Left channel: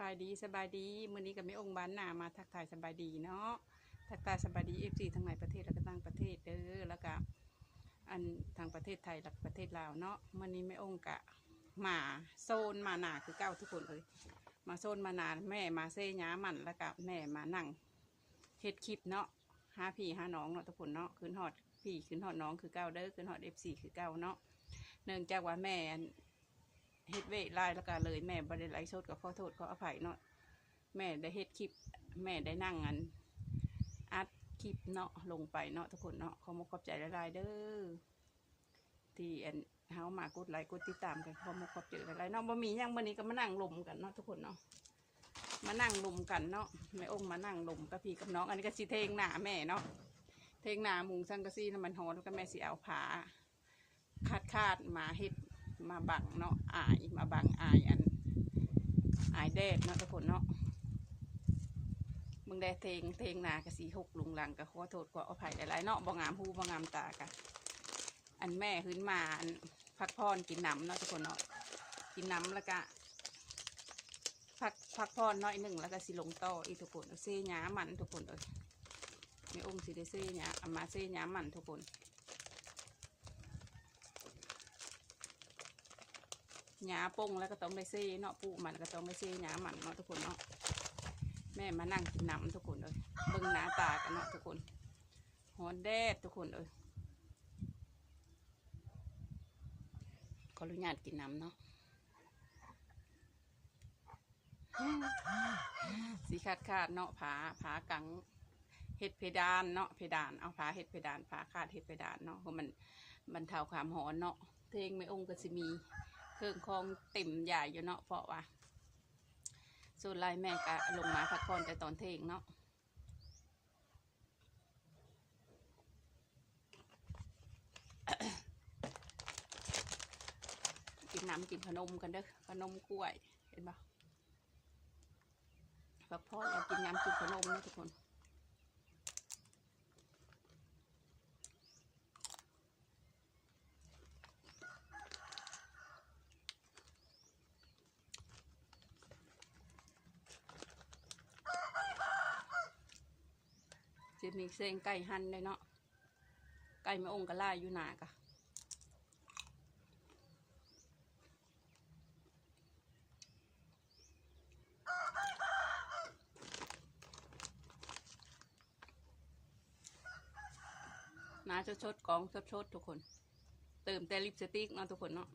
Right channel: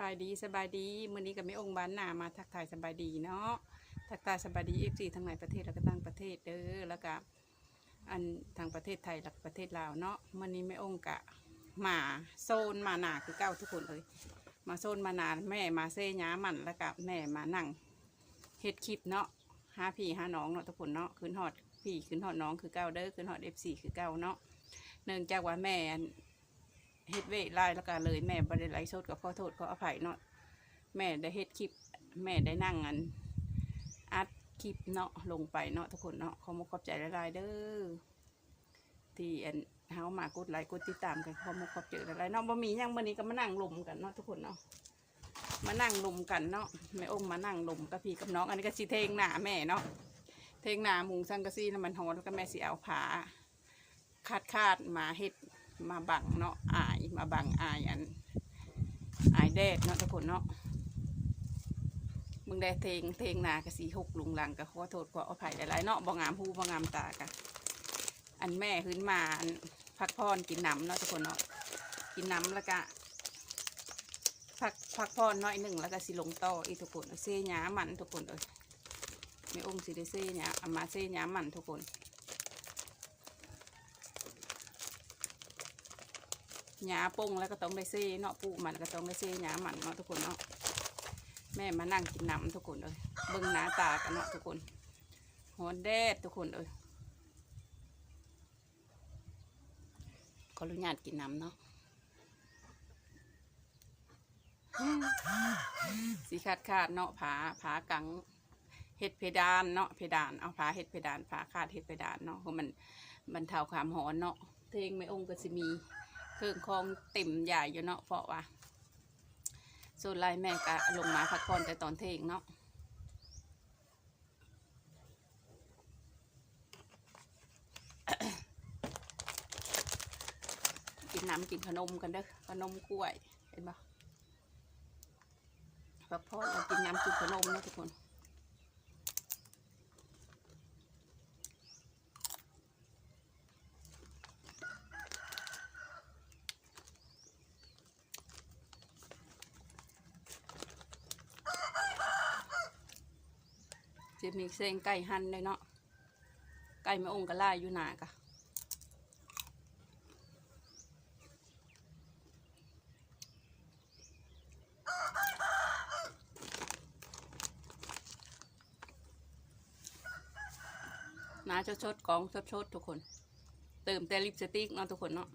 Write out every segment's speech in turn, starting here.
บายดีสบายดีมื้อนี้ก็ไม่องค์บ้านหนามาทักทายสบายดีเนาะทักทายสบายดีเอฟซีทั้งในประเทศแล้วก็ต่างประเทศเด้อแล้วก็อันทางประเทศไทยและประเทศลาวเนาะมื้อนี้ไม่องค์กะมาโซนมาหนาคือเก้าทุกคนเลย มาโซนมานาแม่มาเซย้ามันแล้วก็แม่มานั่งเฮ็ดคลิปเนาะหาพี่หาน้องเนาะทุกคนเนาะขึ้นฮอดพี่ขึ้นฮอดน้องคือเก้าเด้อขึ้นฮอดเอฟซีคือเก้าเนาะเนื่องจากว่าแม่อัน เฮ็ดเวทไล่แล้วก็เลยแม่บ่ได้ไลฟ์สดก็ขอโทษขออภัยเนาะแม่ได้เฮ็ดคลิป แม่ได้นั่งอันอัดคลิปเนาะลงไปเนาะทุกคนเนาะขอมขอบใจหลายเด้อที่อันเฮามากดไลค์กดติดตามกันขอมขอบใจหลายเนาะบ่มีหยังมื้อนี้ก็มานั่งลมกันเนาะทุกคนเนาะมานั่งลมกันเนาะแม่อมมานั่งลมกับพี่กับน้องอันนี้ก็สิเทงหน้าแม่เนาะเทงหน้ามุงสังกะสีน้ำมันหอแล้วก็แม่สิเอาผาคาดคาดมาเฮ็ด มาบังเนาะอายมาบังอายอันอายแดกเนาะทุกคนเนาะมึงได้เพลงเพลงนากะสีหกลุงลังกะขอโทษขออภัยหลายๆเนาะบ่งามหูบ่งามตากะอันแม่ขึ้นมาอันพักพรกินน้ำเนาะทุกคนเนาะกินน้ำแล้วก็พักพักพรน้อยหนึ่งแล้วก็สิลงต่ออีทุกคนเซ่หยามันทุกคนเลยในองค์สิได้เซ่หยาอามาเซ่หยามันทุกคน หญ้าปงแล้วก็ต้องได้เซ่เนาะปูมันก็ต้องได้เซ่หญ้ามันเนาะทุกคนเนาะแม่มานั่งกินน้ำทุกคนเลยเบิ่งหน้าตากันเนาะทุกคนหอนแดดทุกคนเลยขออนุญาตกินน้ำเนาะสีขาดขาดเนาะผาผากังเห็ดเพดานเนาะเพดานเอาผาเห็ดเพดานผาขาดเห็ดเพดานเนาะเพราะมันมันเท่าความหอนเนาะเพลงไม่องค์ก็จะมี เครื่องคองเต็มใหญ่อยู่เนาะเพราะว่าส่วนไรแม่ก็ลงมาพักผ่อนแต่ตอนเทงเนาะกินน้ำกินขนมกันเด้อขนมกล้วยเห็นปะพักผ่อนกินน้ำกินขนมนะทุกคน จะมีเส้นไก่หั่นเลยเนาะไก่ไม่องกระล่ายอยู่หนากะน้าจะชดกองชดๆทุกคน เติมแต่ลิปสติกเนาะทุกคนเนาะ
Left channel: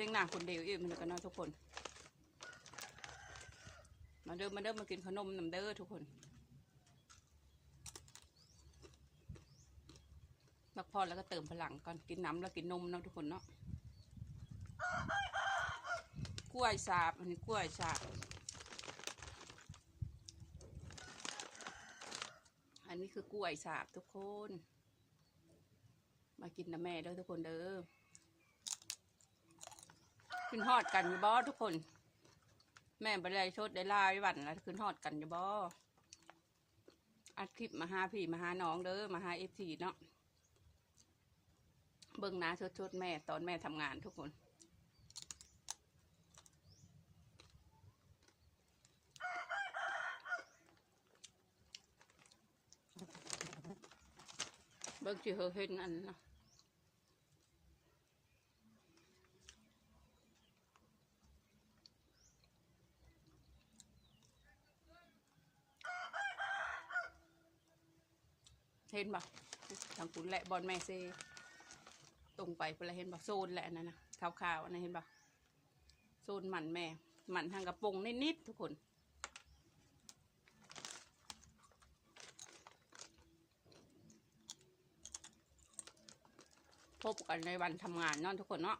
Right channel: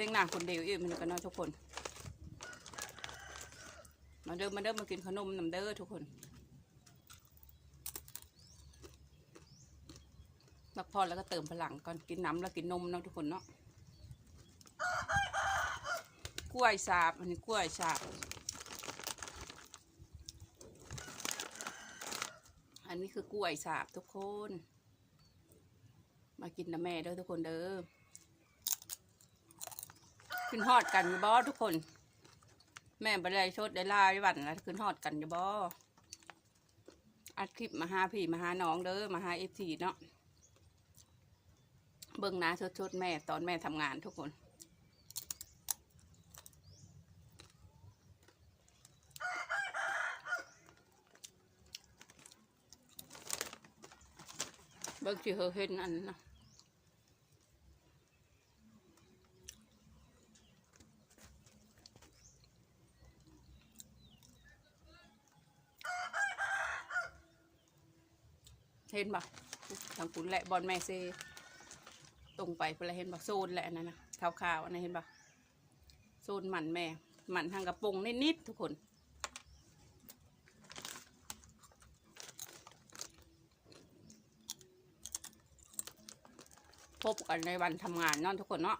ทียงหน้าคนเดียวเองมันกันเนาะทุกคน มาเดิมมาเดิมมากินขนมน้ำเด้อทุกคนพักพอแล้วก็เติมพลังก่อนกินน้ำแล้วกินนมเนาะทุกคนเนาะกล้วยสาบอันนี้กล้วยสาบอันนี้คือกล้วยสาบทุกคน มากินนะแม่เด้อทุกคนเด้อ ขึ้นฮอดกันอยู่บ่ทุกคน แม่บริไดชดได้ลาได้วันนะขึ้นฮอดกันอยู่บ่อัดคลิปมาหาพี่มาหาน้องเด้อมาหาเอฟซีเนาะเบิ่งหน้าชดๆแม่ตอนแม่ทำงานทุกคนเบิ่งสิเฮอเห็นอันนะ ห็นปะทางคุณแหละบอลแม่เซตรงไปเพื่อเห็นปะโซนแหละนั่นนะขาวๆอันนั้นเห็นปะโซนหมันแม่หมันทางกระปงนิดๆทุกคนพบกันในวันทำงานเนาะทุกคนเนาะ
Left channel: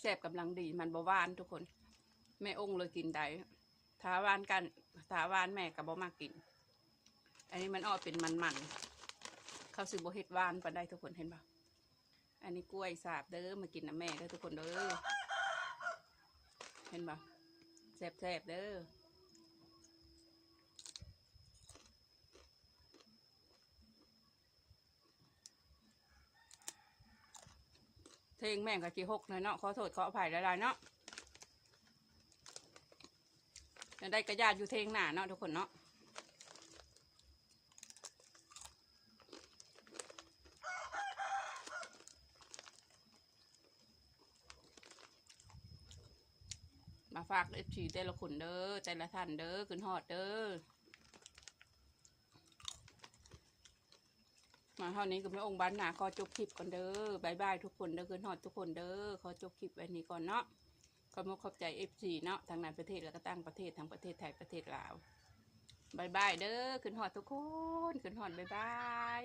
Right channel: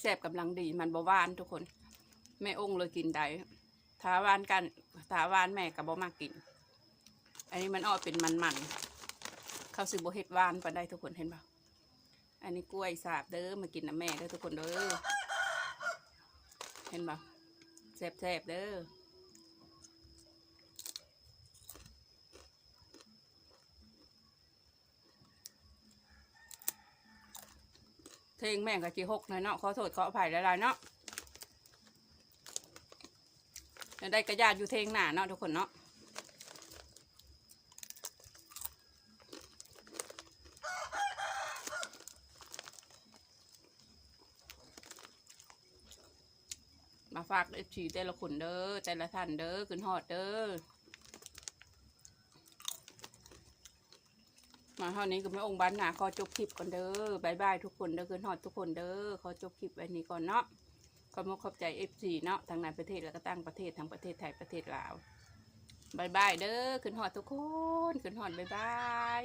แซ่บๆกำลังดีมันบหวานทุกคนแม่องค์เลยกินได้ถ้าหวานกันถ้าหวานแม่กับบ่มากกิน อันนี้มันออกเป็นมันๆเขาซื้อโบเฮ็ดหวานปาได้ทุกคนเห็นปะอันนี้กล้วยสาบเด้อมากินนะแม่เด้อทุกคนเด้อเห็นปะแซ่บๆเด้อ ลงแม่งกับจีหกหน่อยเนาะขอโทษขออภัยหลายๆเนาะจะได้กระยาดอยู่เทงหนาเนาะทุกคนเนาะมาฝากเอฟซีแต่ละคนเด้อแต่ละท่านเด้อขึ้นฮอดเด้อ มาเท่านี้ก็ไม่องค์บ้านหนาขอจบคลิปก่อนเด้อบายบายทุกคนเด้อขึ้นหอดทุกคนเด้อขอจบคลิปไว้นี้ก่อนเนาะขอมขอบใจเอฟซีเนาะทางในประเทศแล้วก็ตั้งประเทศทางประเทศไทยประเทศลาวบายบายเด้อขึ้นหอดทุกคนขึ้นหอดบายบาย